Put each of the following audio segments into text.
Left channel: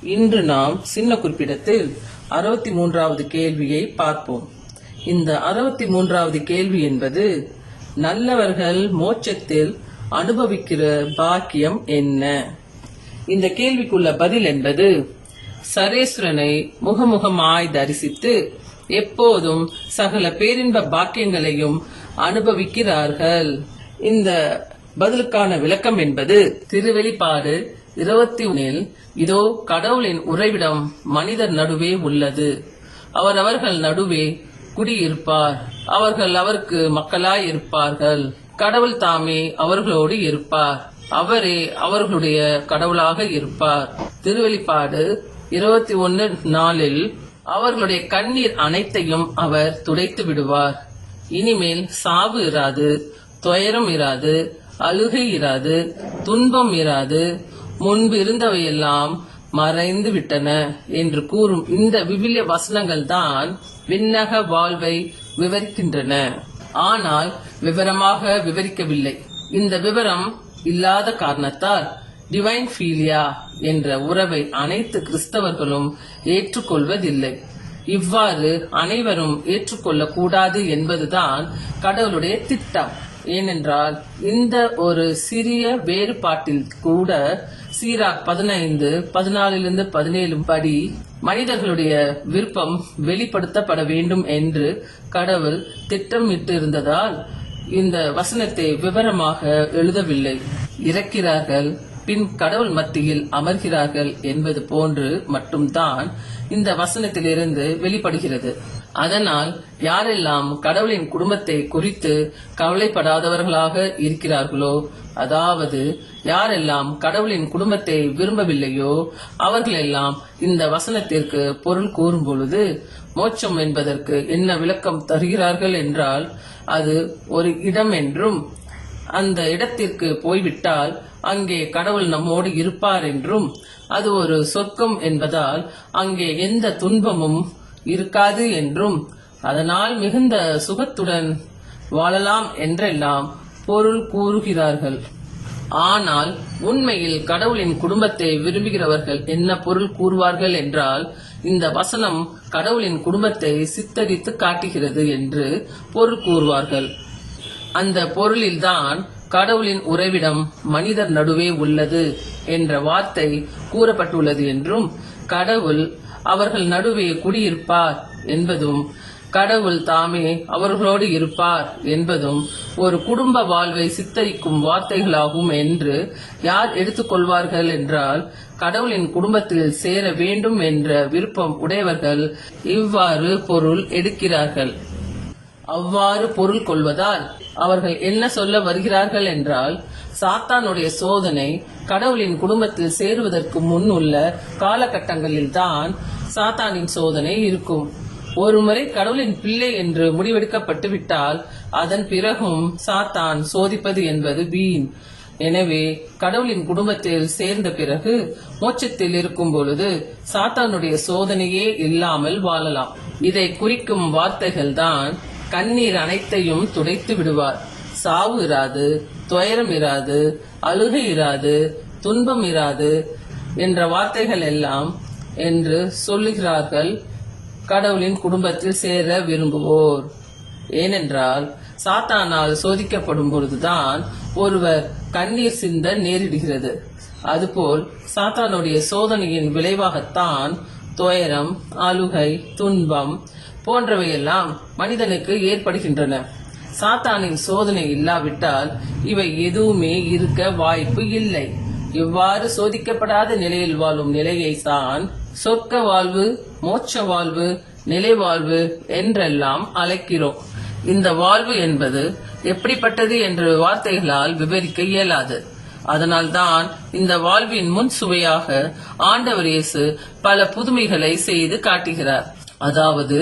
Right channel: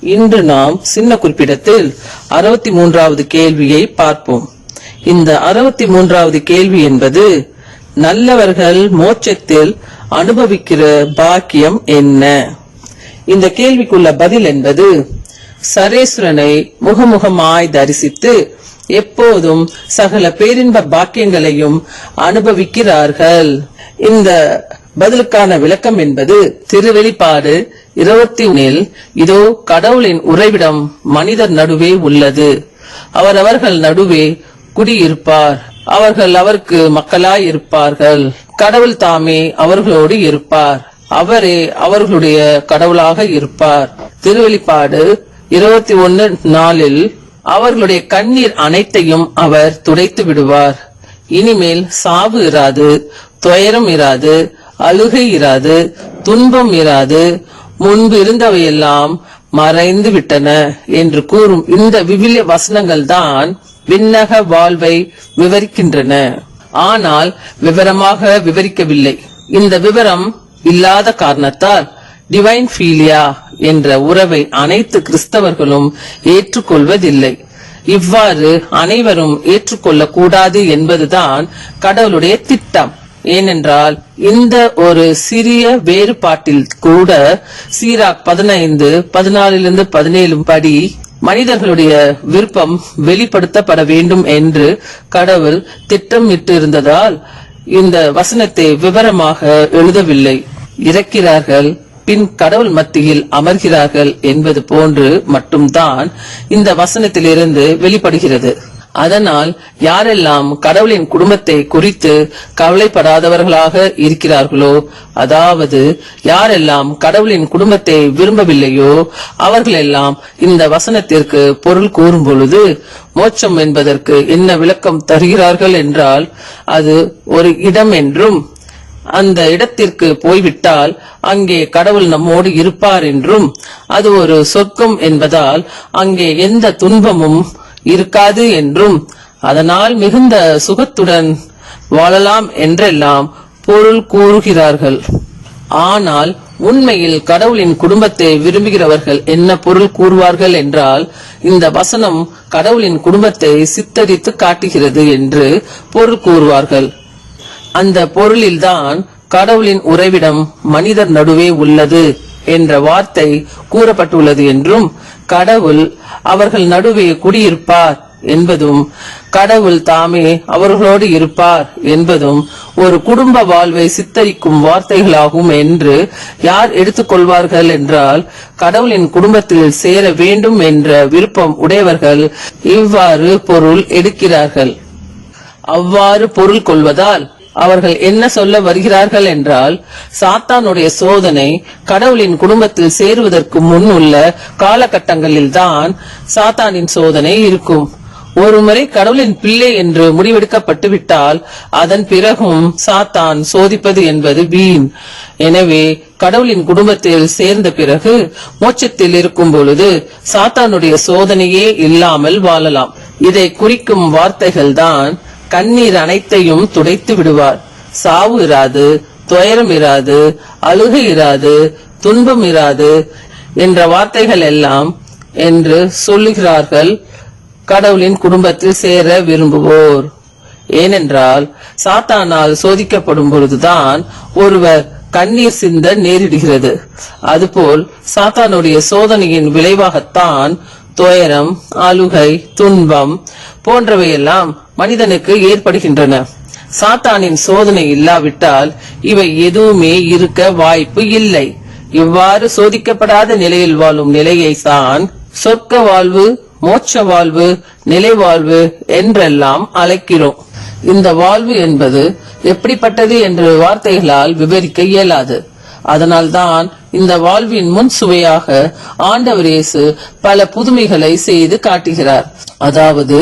இன்று நாம் சின்ன குறிப்பிடத்தில் அறுபத்தி மூன்றாவது கேள்வியை பார்ப்போம். இந்த அறுபத்தி மூன்றாவது கேள்வி என்பது நல்லவர்கள் மோட்சத்தில் அனுபவிக்கிற பாக்கியம் என்ன? இந்த கேள்விக்குள்ள பதில் என்பது சரேஸ்வரனை முகமுகமாய் தரிசித்து எப்போதும் சகல பேரின்ப பாக்கியங்களையும் அனுபவிக்கிறார்கள். இந்த பதிலுக்கான விளக்கம் என்பது திருவெளிப்பாடு இருபத்தி ஒன்னில் இதோ கடவுளின் உறைவிடம் மனிதர் நடுவே உள்ளது. அவர் அவர்கள் நடுவே குடியிருப்பார். அவர்கள் அவருக்கு மக்களாய் இருப்பார்கள் கடவுள் தாமே அவர்களோடு இருப்பார். அவரே அவர்களுடைய கடவுளாக இருப்பார். திருவெளிப்பாடு இருபத்தி ஒன்னு நாளில் அவர்களுடைய கண்ணீர் அனைத்தையும் அவர் துடைத்து விடுவார். இனிமேல் சாவு இராது துயரம் இராது அழுகை இராது துன்பம் இராது முன்பு இருந்தவையெல்லாம் மறைந்து விட்டன என்று கூறும் இந்த விவிலிய வசனங்கள் தான் விண்ணக வாழ்வை விவரிக்கின்றன. ஆனால் விவரமாக விவரிக்கவில்லை. இந்த விவரம் இல்லாத காரணத்தால் டிவைன் ஃபீலியா என்ற உறவை அனைத்து கிறிஸ்தவர்களும் ஏற்றுக்கொள்வதில்லை. இவ்வாறு அனைவரும் ஏற்றுக்கொள்ளக்கூடாது என்பதுதான் கடவுளுடைய திட்டம். ஏனென்றால் இந்த ஒரு சிறிய வேறுபாட்டில் கூட சீராக் பதினைந்து பதினாலிலிருந்து பதினேழு படி மனிதர்களுடைய விருப்பம் வெளிப்படுத்தப்பட வேண்டும் என்று கடவுள் திட்டமிட்டு இருந்ததால் இந்த வசனத்தை விவரமாக எழுதவில்லை. இறக்கிறார்கள் பின் கடவுள் மத்தியில் அமர்கிறார்கள் என்பது போன்று மட்டும்தான் இந்த வசனத்திலிருந்து வெளிப்படுகிறது. அதனால் யாரெல்லாம் கடவுளின் குடும்பத்தை குறித்து கவலைப்படாதவர்களாக இருக்கிறார்களோ அதாவது யாரெல்லாம் கடவுளின் குடும்பத்தை விரும்பவில்லையோ அவர்களெல்லாம் இந்த வசனத்திற்கு பொருள் கூறும் பொழுது மோட்சம் என்பதற்கு என்ன விளக்கம் தருகிறார்கள் என்றால் அது ஒரு இடம் என்றும் அந்த இடத்திற்கு போய்விட்டால் அங்கே கடவுள் நம்மோடு இருப்பார் என்றும் அது ஒரு சொர்க்கம் என்பதால் அங்கே எந்த துன்பமும் இருக்காது என்றும் அதனால் மிகுந்த சுகத்துடன் வாழலாம் என்றெல்லாம் பொருள் கூறுகிறார்கள். ஆனால் உண்மையில் கடவுளின் குடும்பத்தை விரும்புகிறவர்கள் என்ன பொருள் கூறுவார்கள் என்றால் இந்த வசனம் கடவுளின் குடும்பத்தை சித்தரித்து காட்டுகிறது என்று பொருள் கூறுவார்கள். அந்த பொருளில்தான் கடவுளின் உறைவிடம் மனிதர் நடுவே உள்ளது என்ற வார்த்தை கூறப்பட்டுள்ளது என்றும் கடவுள் அவர்கள் நடுவே குடியிருப்பார் என்பதும் கடவுள் தாமே அவர்களோடு இருப்பார் என்பதும் ஒரு குடும்ப வாழ்வை சித்தரிக்கும் வார்த்தைகளாகும் என்று யார் எடுத்துக்கொள்வார்கள் என்றால் கடவுளின் குடும்பத்தில் சேர வேண்டும் என்ற விருப்பம் உடையவர்கள் இவ்வாறு பொருள் எடுக்கிறார்கள். அவ்வாறு பொருள் கொள்வதால் அவர்கள் என்ன சொல்ல வருகிறார்கள் என்றால் சாத்தானுடைய சோதனை கடவுளின் குடும்பத்தில் சேருவதற்கு முன் உள்ள காலகட்டங்களில் தான் சாத்தானின் சோதனை இருக்கும். ஒருமுறை கடவுளின் பிள்ளை என்று முடிவெடுக்கப்பட்டு விட்டால் அதன் பிறகும் சாத்தான் சோதிப்பது என்பது வீண். எனவே கடவுளின் குடும்பத்தில் சேர்ந்த பிறகு மோட்சத்தில் இருக்கும் பொழுது சாத்தானுடைய சோதனையே இல்லாமல் வாழலாம். இதை குறிக்கும் வார்த்தைகள் தான் கண்ணீர் அனைத்தையும் துடைத்து விடுவார். சாவு இராது துயரம் இராது அழுகை இராது துன்பம் இராது என்ற வார்த்தைகள் எல்லாம் என்று சொல்லுகிறார்கள் கடவுளின் குடும்பத்தில் சேர விரும்புவோர். ஏனென்றால் சாத்தானால் சோதிக்கப்படும் பொழுதுதான் ஒருவர் கண்ணீர் சிந்த நேரிடுகிறது. அதுபோல் சாத்தானுடைய சோதனையின் விளைவாகத்தான் துயரம் அழுகை துன்பம் போன்றவையெல்லாம் மனிதனுக்கு ஏற்படுகின்றன. சாத்தானின் சோதனை இல்லாவிட்டால் இவை எதுவுமே இருக்க வாய்ப்பு இல்லை. இவ்வாறு சோதிக்கப்படாத நிலையில் வாழும் நிலையை தான் சொர்க்க வாழ்வு மோட்ச வாழ்வு நிலை வாழ்வு என்றெல்லாம் அழைக்கிறோம். இந்த வாழ்வு என்பது எப்படிப்பட்டது என்று வார்த்தைகளால் விவரிக்க இயலாது. அதனால்தான் இந்த வாழ்வின் முன் சுவையாக ஆண்டவர் இயேசு பல புதுமைகளை செய்து காட்டுகிறார். அதாவது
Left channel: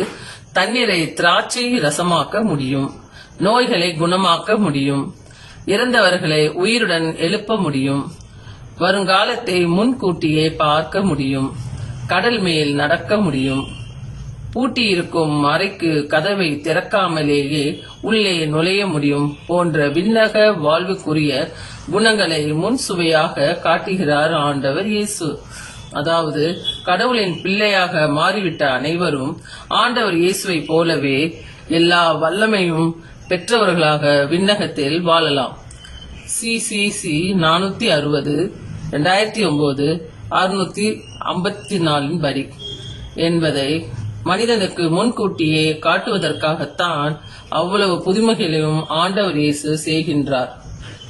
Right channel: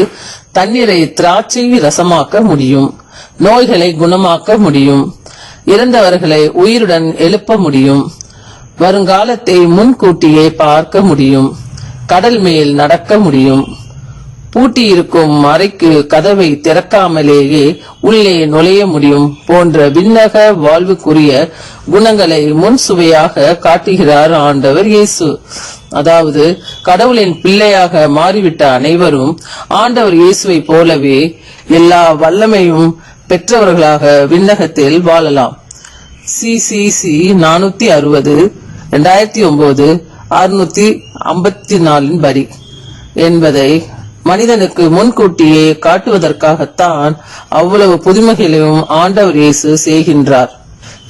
தண்ணீரை திராட்சை ரசமாக்க முடியும் நோய்களை குணமாக்க முடியும் இறந்தவர்களை உயிருடன் எழுப்ப முடியும் வருங்காலத்தை முன்கூட்டியே பார்க்க முடியும் கடல் மேல் நடக்க முடியும். பூட்டியிருக்கும் அறைக்கு கதவை திறக்காமலேயே உள்ளே நுழைய முடியும் போன்ற விண்ணக வாழ்வுக்குரிய குணங்களை முன் சுவையாக காட்டுகிறார் ஆண்டவர் இயேசு. அதாவது கடவுளின் பிள்ளையாக மாறிவிட்ட அனைவரும் ஆண்டவர் இயேசுவை போலவே எல்லா வல்லமையும் பெற்றவர்களாக விண்ணகத்தில் வாழலாம். சிசிசி நானூத்தி அறுபது ரெண்டாயிரத்தி ஒன்பது அறுநூத்தி ஐம்பத்தி நாலின் படி. என்பதை மனிதனுக்கு முன்கூட்டியே காட்டுவதற்காகத்தான் அவ்வளவு புதுமைகளையும் ஆண்டவர் இயேசு செய்கின்றார்.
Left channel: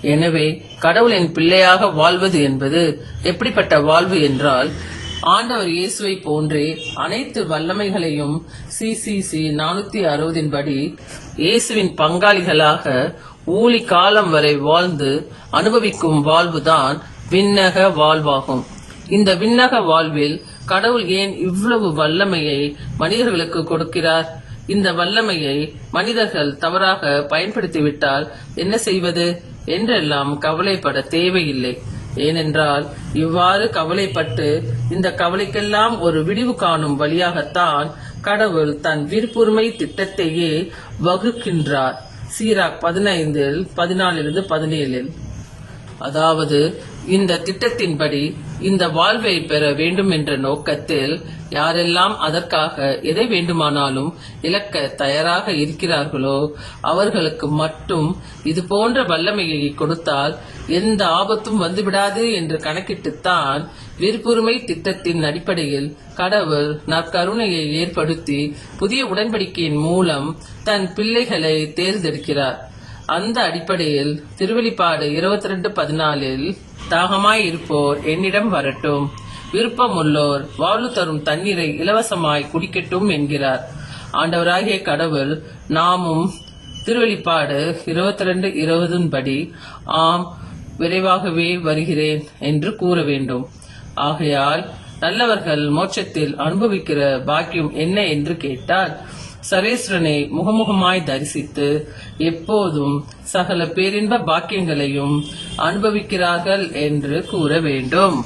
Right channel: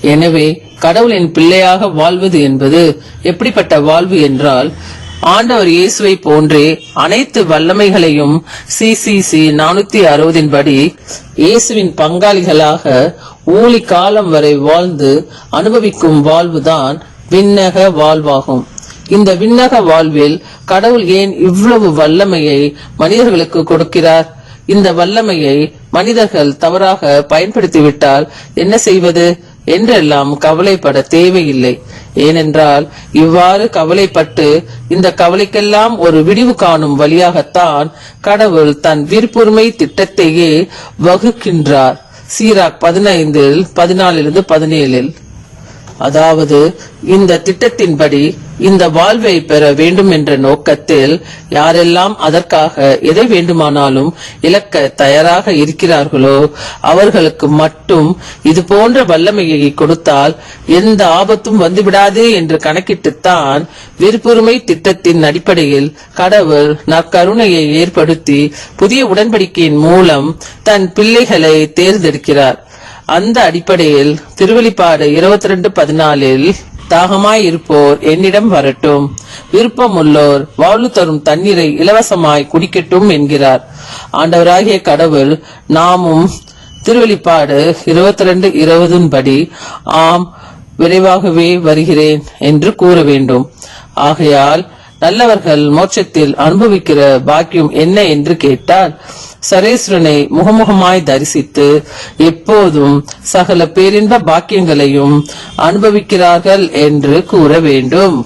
எனவே கடவுளின் பிள்ளையாக வாழ்வது என்பது எப்படிப்பட்ட வாழ்வு என்றால் ஆண்டவர் இயேசுவை போன்றே அனைத்து வல்லமைகளையும் சிசிசி நானூத்தி அறுபதின் படி இயேசுவின் பங்காளிகளாக ஊழி காலம் வரை வாழ்ந்து அனுபவிக்கும் வாழ்வுதான் விண்ணக வாழ்வாகும். இந்த விண்ணக வாழ்வில் கடவுள் ஏன் இவ்வளவு வல்லமையை மனிதர்களுக்கு கொடுக்கிறார்? இந்த வல்லமையை மனிதர்கள் தவறாக பயன்படுத்திவிட்டால் என்ன செய்வது? என்றெல்லாம் கவலைப்பட தேவையில்லை. ஏனென்றால் இவ்வாறு கவலைப்பட்டு இந்த கவலைக்கெல்லாம் ஒரு விடிவு காணும் வழியாகத்தான் கடவுள் தன் விருப்புரிமை திட்டத்தையே வகுக்கின்றார். சீராக் பதினைந்தில் பதினாலிலிருந்து பதினேழில். அதாவது இந்த திட்டத்தின்படி இந்த வாழ்வை பெற வேண்டும் என்ற நோக்கத்தில் யாரெல்லாம் அதற்காக எதை வேண்டுமானாலும் இழக்க தயாராக இருக்கிறார்களோ அவர்களுக்கு மட்டும் இது போன்ற வல்லமையை கொடுத்தால் எந்த ஆபத்தும் வந்துவிடாது என்று கணக்கிட்டுத்தான் விருப்புரிமை திட்டத்தின் அடிப்படையில் கடவுள் நற்கருணையை ஏற்படுத்தி புதிய உடன்படிக்கையின் மூலம் தன் பிள்ளைகளை தேர்ந்தெடுக்கிறார். அந்த அடிப்படையில் திருவெளிப்பாடு இருபத்தி ரெண்டு பதினாலில் தாகமாய் இருப்போர் என்னிடம் வரட்டும். விருப்பமுள்ளோர் வாழ்வு தரும் தண்ணீரை இலவசமாய் குடிக்கட்டும் என்கிறார். ஆண்டவராகிய கடவுள் நாமும் திருவெளிப்பாடு இருபத்தி ரெண்டு இருபதின் படி ஆம் விரைவாகவே வருகிறேன் என்று கூற வேண்டும். ஆகையால் நல்லவர்கள் மோட்சத்தில் அனுபவிக்கிற பாக்கியம் என்ன என்று கேட்டால் சரேஸ்வரனை முகமுகமாய் தரிசித்து எப்போதும் சகல பேரின்ப பாக்கியங்களையும் அனுபவிக்கிறார்கள் என்று கூற வேண்டும்.